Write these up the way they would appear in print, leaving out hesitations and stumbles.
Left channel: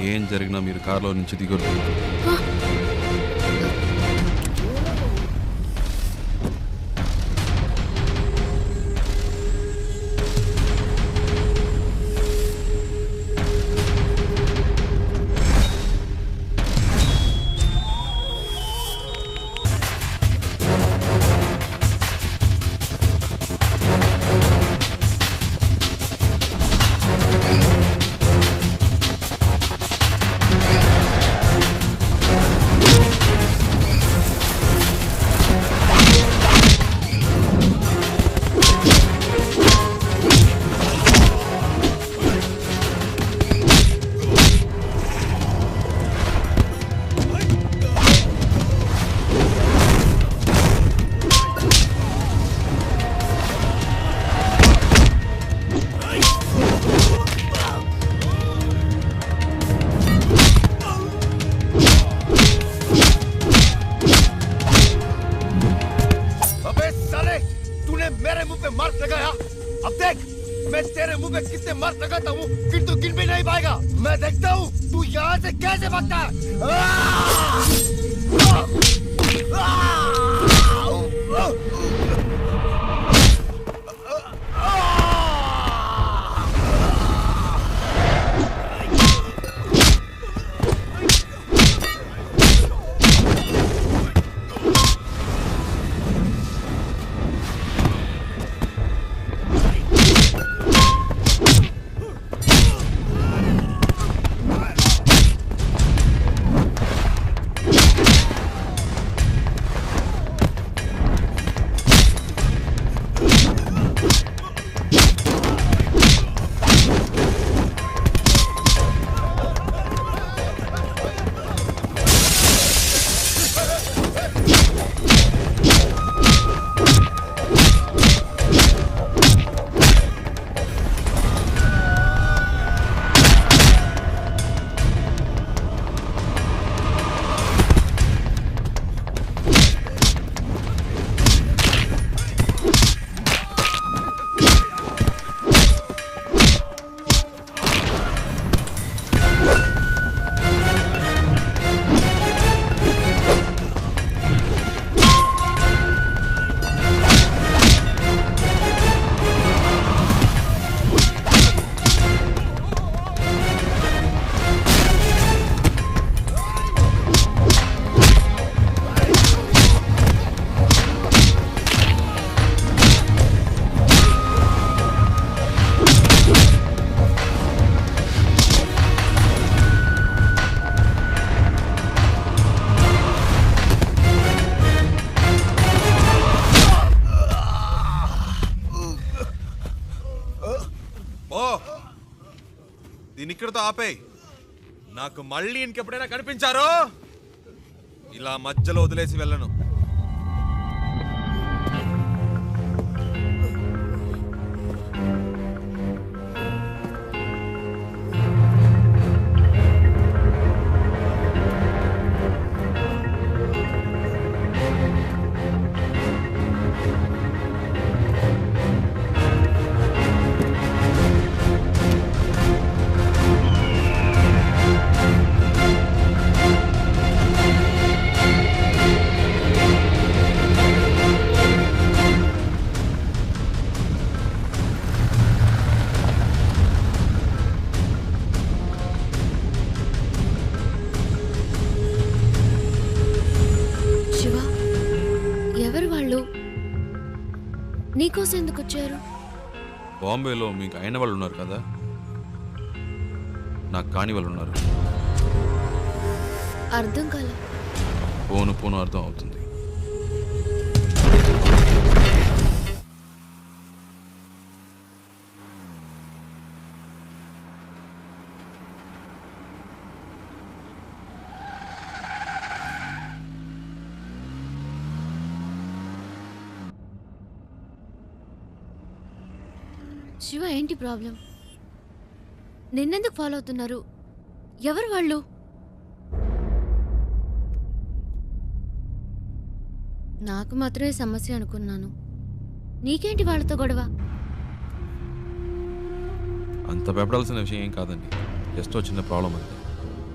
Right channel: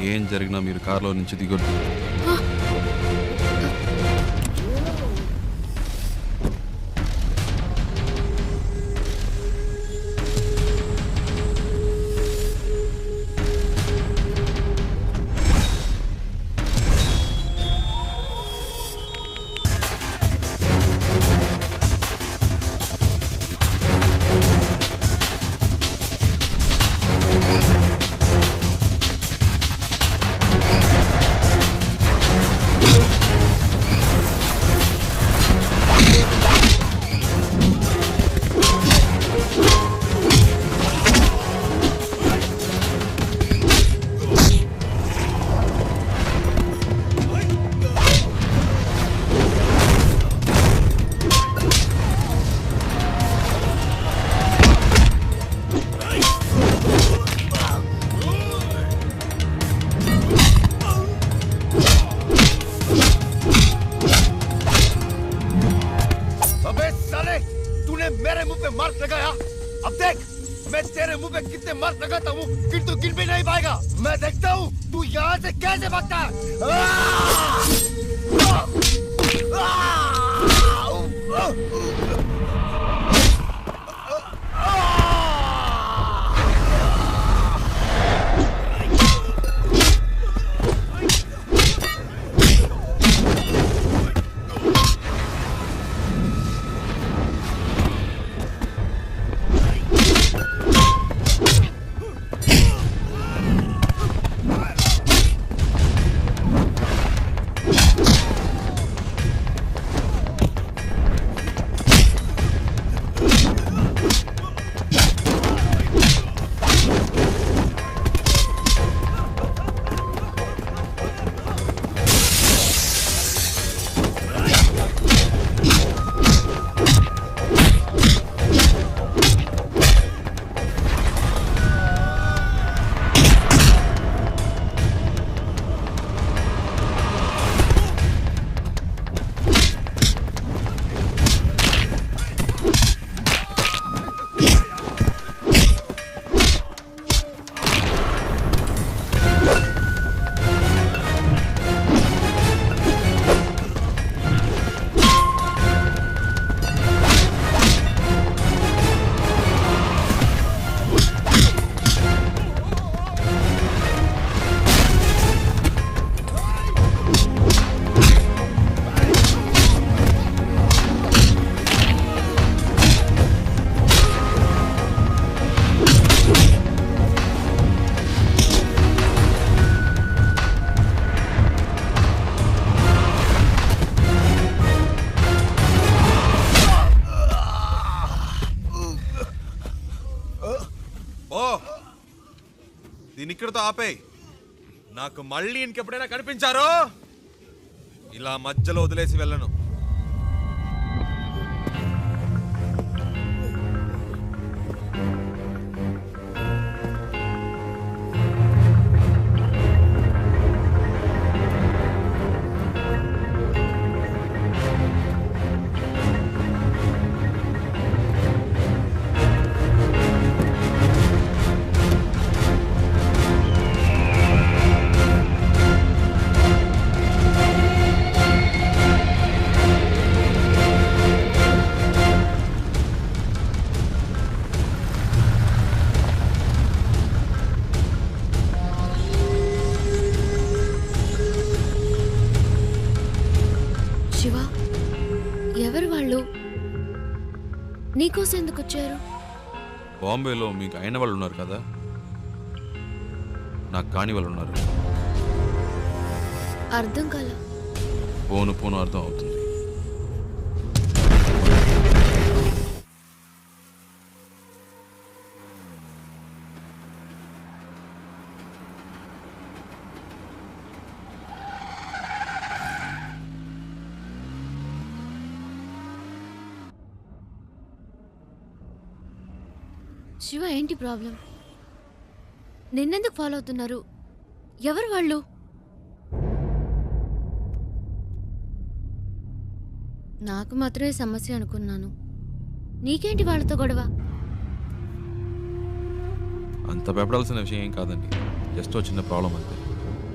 ఏం జరిగినా మీరు కారులో నుంచి దిగొద్దు. मेरे मुंह पे मार्क लगाया। अब देख मैं तेरे मुंह पे कितने मार्क लगाता हूँ फिर तू गिन भी नहीं पाएगा। मैं देखता हूँ तू यहाँ से कैसे भागता है। దీని ఇక్కడితో ఆపేయ్. నాకు మళ్ళీ ఇంకెప్పుడైనా కనిపించారో ఇలా మధ్యలో వదిలేసి వెళ్ళను. శివ, ఎవరు వాళ్ళు? నీకోసం ఎందుకు వచ్చారు? బాంబేలో మీకు అయిన వాళ్ళు ఉన్నారు కదా, నాకు కాని వాళ్ళు ఉన్నారు. అర్థం కాల. పోను పోను అర్థం అవుతుంది. శివ, ఏంటి ప్రాబ్లం? నిన్నెందుకు ఫాలో అవుతున్నారు? ఎవరు వాళ్ళు? నాకు మాత్రమే సమస్య అనుకున్నాను. నీకేంటి వాళ్ళతో గొడవ? అంత భయపడాల్సిన విషయం ఏం కాదండి, జస్ట్ చిన్న ప్రాబ్లం అంతే.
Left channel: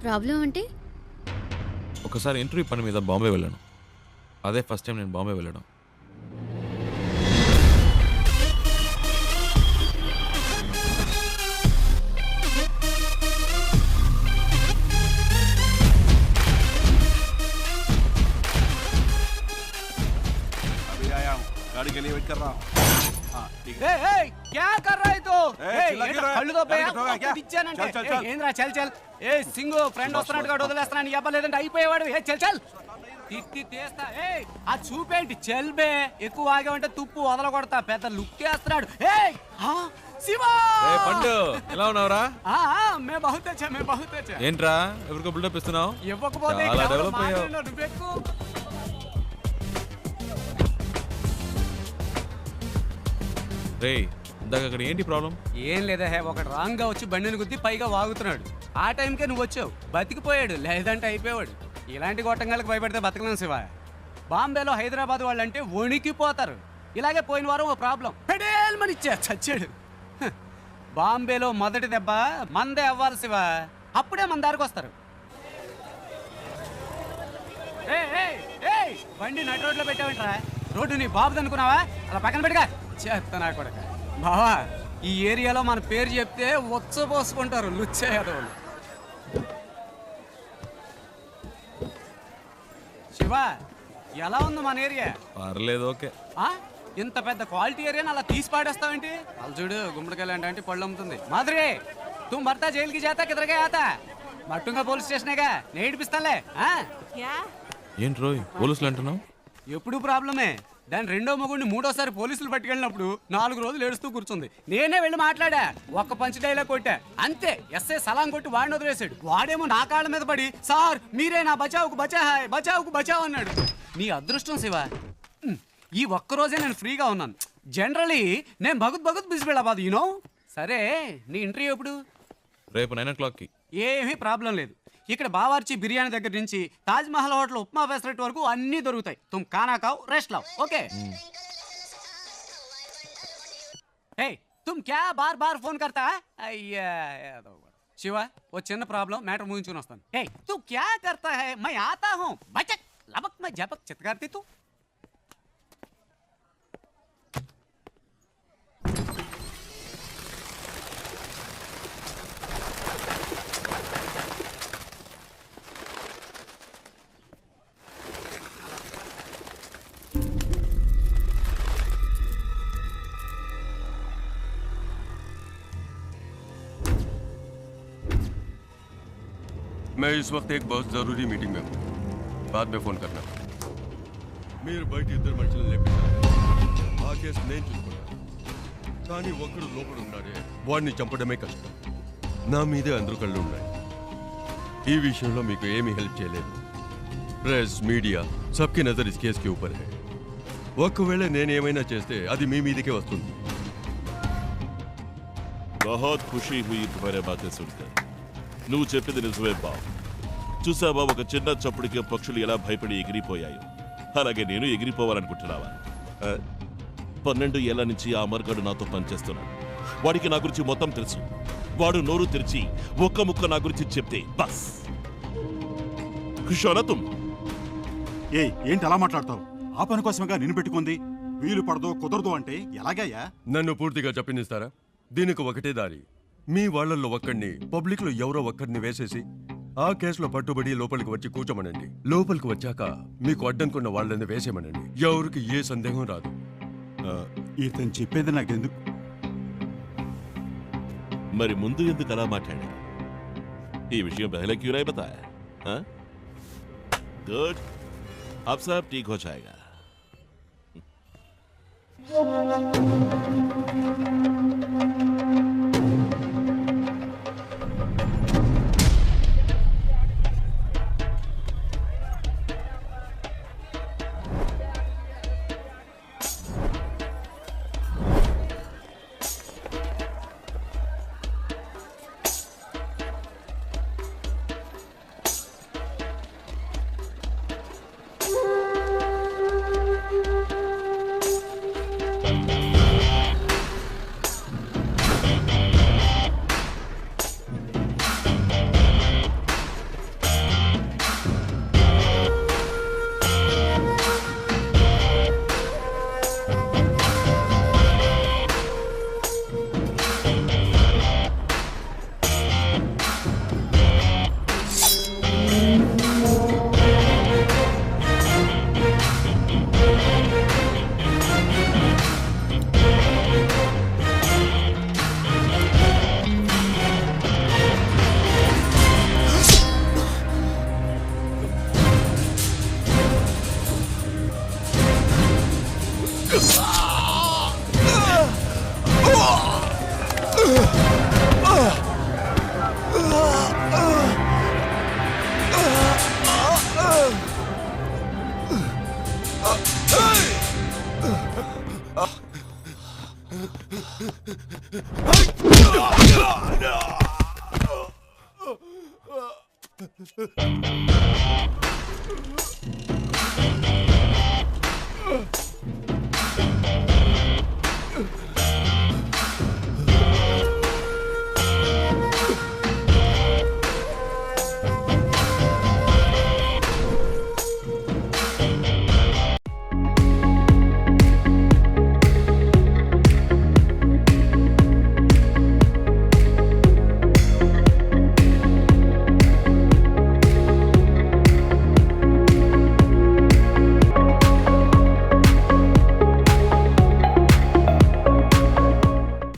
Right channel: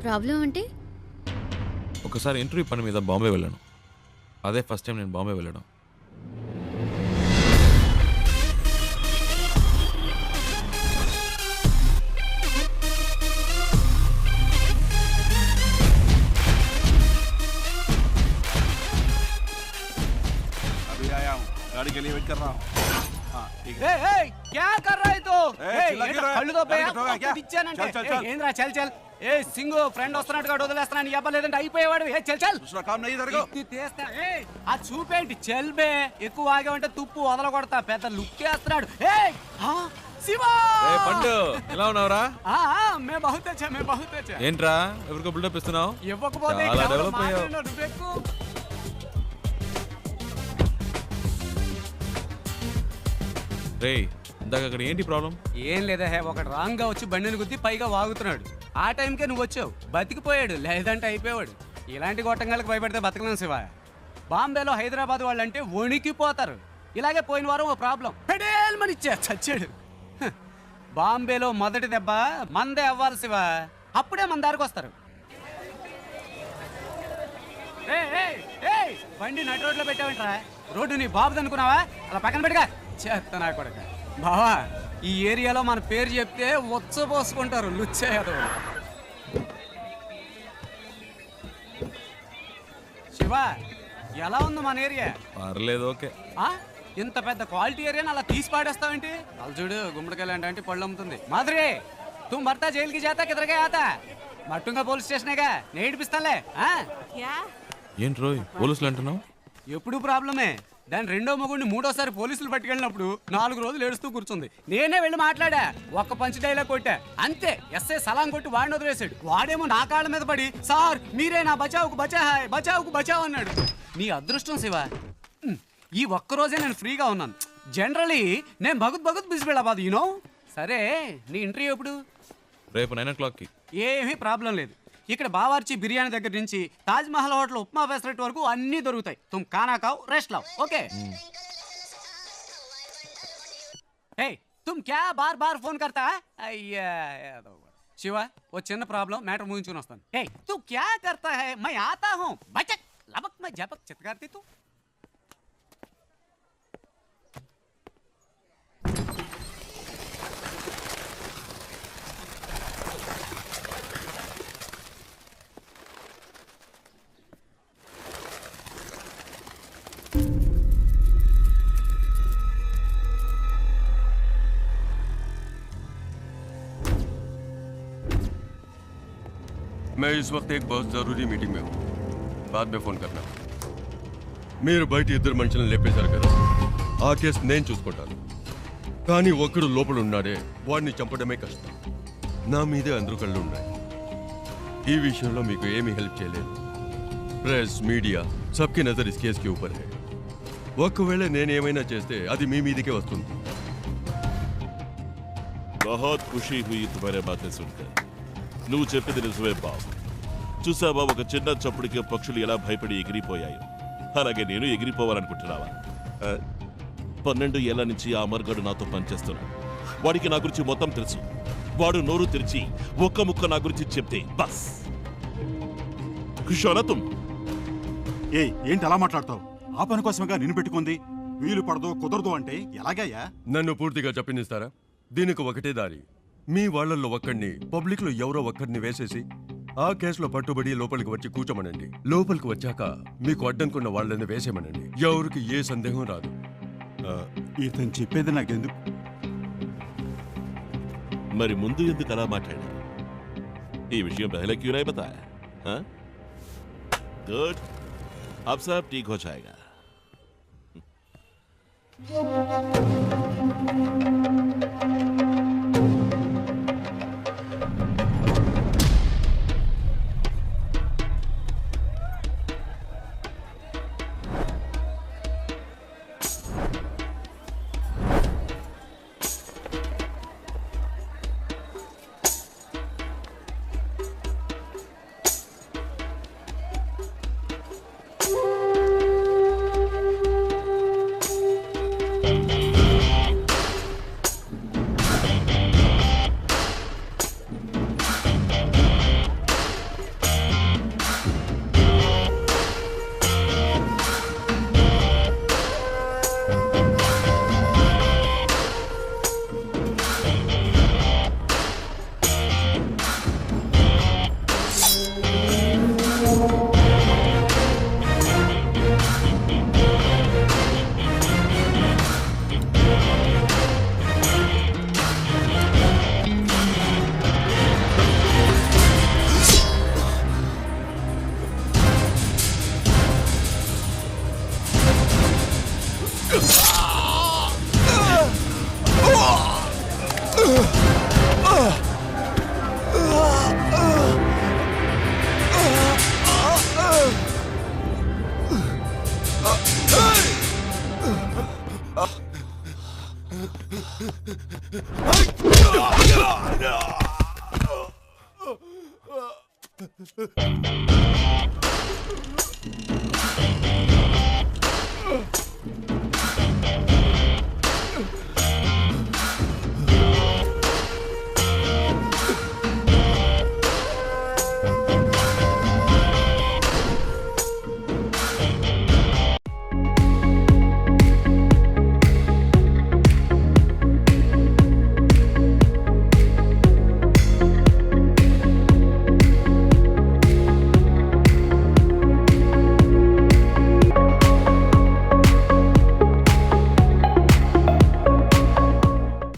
ప్రాబ్లం అంటే? ఒకసారి ఇంటర్వ్యూ పని మీద బాంబే వెళ్ళాను. అదే ఫస్ట్ టైం నేను బాంబే వెళ్ళడం. अभी आया हूँ, गाड़ी के लिए वेट कर रहा हूँ। हाँ ठीक है। क्या कर रहा है तो चिल्ला क्यों रहा है? కళ్ళు తో गाड़ी ठोका क्या? चल, चल, चल। ఏంద్రా చల్ చల్ ఏ సింగు ఫ్రెండ్ వస్తున్నట్టుగా వదిలేస్తున్నాను చెప్పలేదంటే అయిపోయేవాడు ఏ చల్ చల్ दूसरा काम नहीं तेरे को? ఇత్తి తీస్తా ఏ ఆ చూపేంటి చల్ బే ఎక్కువ ఆగామంటే తుప్పు వదల కొడతా పెద్ద లుక్ వేస్తున్నాడు ఏ శివ ఏ పండు ఎలా ఉన్నావురా? మే బహుత్ అచ్చా మే బహుత్ అచ్చా ఏంట్రా ఎవరికో బిల్డప్ ఇస్తున్నావు? ఇవ్వకపోతే చాలా ఇక్కడ డెవలప్ అయ్యావు. మాట్లాడినా నువ్వెక్కు. రే ఇందాక అక్కడ ఏంటి ప్రాబ్లం? ఏం లేదా హే ఒకడు రాంగ్ గా వచ్చి బండిని గుద్ది పైగా వాగుతున్నాడు. ఆ టైంకే నువ్వు వచ్చావు, బతికిపోయాడు, లేదంటే అయిపోయాడు. ఇలాంటి గొట్టంగాలకు భయపడితే బతకలేం శివ. బాంబేలో హైదరాబాద్ వాళ్ళంటే వణికిపోతారు. ఇలాగే పోయిన వారం ఓ ప్రాబ్లం పెడేల్మని ఇచ్చా చచ్చాడు. హ, బాంబేలో మొదటి దెబ్బ మందే అవ్వాలి శివ, అప్పుడే మన దారికి వస్తారు. బండి నడి రోడ్లో పెట్టావంటరా, రోడ్డు నీ బాబుది అనుకున్నావా? అలా పక్కన పెట్టుగా చేస్తా నా కొడక. బావా ఈ ఏరియాలో మన పేరు చెప్తే ఉచ్చపోసుకుంటారు లుచ్చే యాదవులు. శివ ఎలా ఉంది మన ఏరియా? పర్లేదు, ఓకే. ఇంత పెద్ద క్వాలిటీ ఏరియాని అలా తీసి పాడేస్తావేంటి? అలా చూడు గుమ్మడికాయలు అంటే పళ్ళు అమ్ముతుంది. మాధురి తుమ్ భర్తా జైలుకి జాతా కిదరగా ఆతా మట్టుంగా పోలీస్ స్టేషనేగా నేడిపిస్తాలే. ఏంటి రోయ్ పోలీసులు అంటున్నావు? ఎప్పుడు ప్రాబ్లమే. దాని రెండో మొగుడిని మూడోసారి పోలీసులు పట్టుకెళ్ళినప్పుడు 4 రోజులు ఏడుస్తూ కూర్చుంది. నేనే వెళ్ళి మాట్లాడా, ఒక్క పంచ్ డైలాగ్ కొట్టా అంతే. ఎస్ఐ సలాం కొట్టి వాడిని వదిలేశాడు. వాడేమో నా కాళ్ళ మీద పడి సార్ మీరే నా బచావుకు బచాహాయ్ బచావుకు బచావ్ అన్నాడు. నీ అదృష్టం శివ, ఈ ఒక్కరోజే నేను ఫ్రీగా ఉన్నాను. జనరలీ నేను భగుత్ బిజీ వెళ్ళబాదు యూనో. సరే నీ ఇంటర్వ్యూ ఎప్పుడు? రేపు 9 o'clockకి. ఏమీ ప్రాబ్లం లేదు. ఇక్కడ బావార్చి బిర్యానీ దగ్గర నుంచి తాజ్ మహల్ హోటల్ ఉప్మా ఫెసరెట్ వరకు అన్నీ దొరుకుతాయి. తుమ్ ఖానా ఖావ్ రెస్ట్ లావ్ ఓకే. ఏ తుమ్ క్యా బార్ బార్ ఫోన్ కర్తా? అయ్యా శివ ఓ చిన్న ప్రాబ్లం, మ్యాటర్ ముగించుకుని వస్తాను. ఏ తు క్యా కర్తా హై? మై ఆతా హూ బచక్ లబక్ మై జపక్ చిత్కార్తి తు. मैं इस वक्त एक बहुत जरूरी मीटिंग में हूँ, बाद में फोन करना. మీరు బయట ఇద్దరు మనుషులను లేపేశారు కదా, ఆ కేసు నేను చూసుకుంటాను. కానీ ఒక్కడు లోపల ఉన్నాడే, వాడిని చంపడమే కష్టం. నా మీదే అందరూ కళ్ళు ఉన్నాయి. ఈ విషయంలో మీకు ఏమీ హెల్ప్ చేయలేదు. Press media సబ్కి Nazar is case కి ఊపర్ హై. ఒకవేళ నేను ఏమైనా చేస్తే అది మీ మీదకే వస్తుంది. बहुत खुशी हुई तुम्हारे बातें सुनकर. నువ్వు చెప్పింది నిజమే బాబు. చూసావా ఒక చిన్న చప్పుడికి పక్షులు ఎలా భయపడి ఎగిరిపోయాయో, అలాగే నేను ఎగిరిపోవాలనుకుంటున్నావా? 12 ఏళ్ల నుంచి ఆ అమర్గాడు నాతో పనిచేస్తున్నాడు. వాడికి నా గురించి మొత్తం తెలుసు. వాడు నోరు తెరిచి ఒక్క ముక్క నా గురించి చెప్తే బస్ ఖుషోనా. ఏంటి అలా మాట్లాడతావు? ఆ పని కోసమేగా నిన్ను పెట్టుకుంది. వీలు పడదో కుదరదు అంటే ఎలాగయ్యా? నన్ను పూర్తిగా చెప్పనిస్తారా? దీనికి ఒకటే దారి. మీ వాళ్ళల్లో ఒక్కడిని పబ్లిక్ లో ఎవరో ఒక్కడిని వేసేసి ఆ కేసులో పట్టుబడి లోపలికి వచ్చి కూర్చోమనండి. లోపలికి వచ్చాక మీకు అడ్డంకున్న వాళ్ళని వేసేమనండి. ఎవరికి ఏ సందేహం రాదు. ఇతను చెప్పేది నాకెందుకు? మరి ముందు ఎందుకు అలా మాట్లాడా? ఈ విషయం పहले क्यों नहीं बताया? गुड, अब सब ठीक हो जाएगा.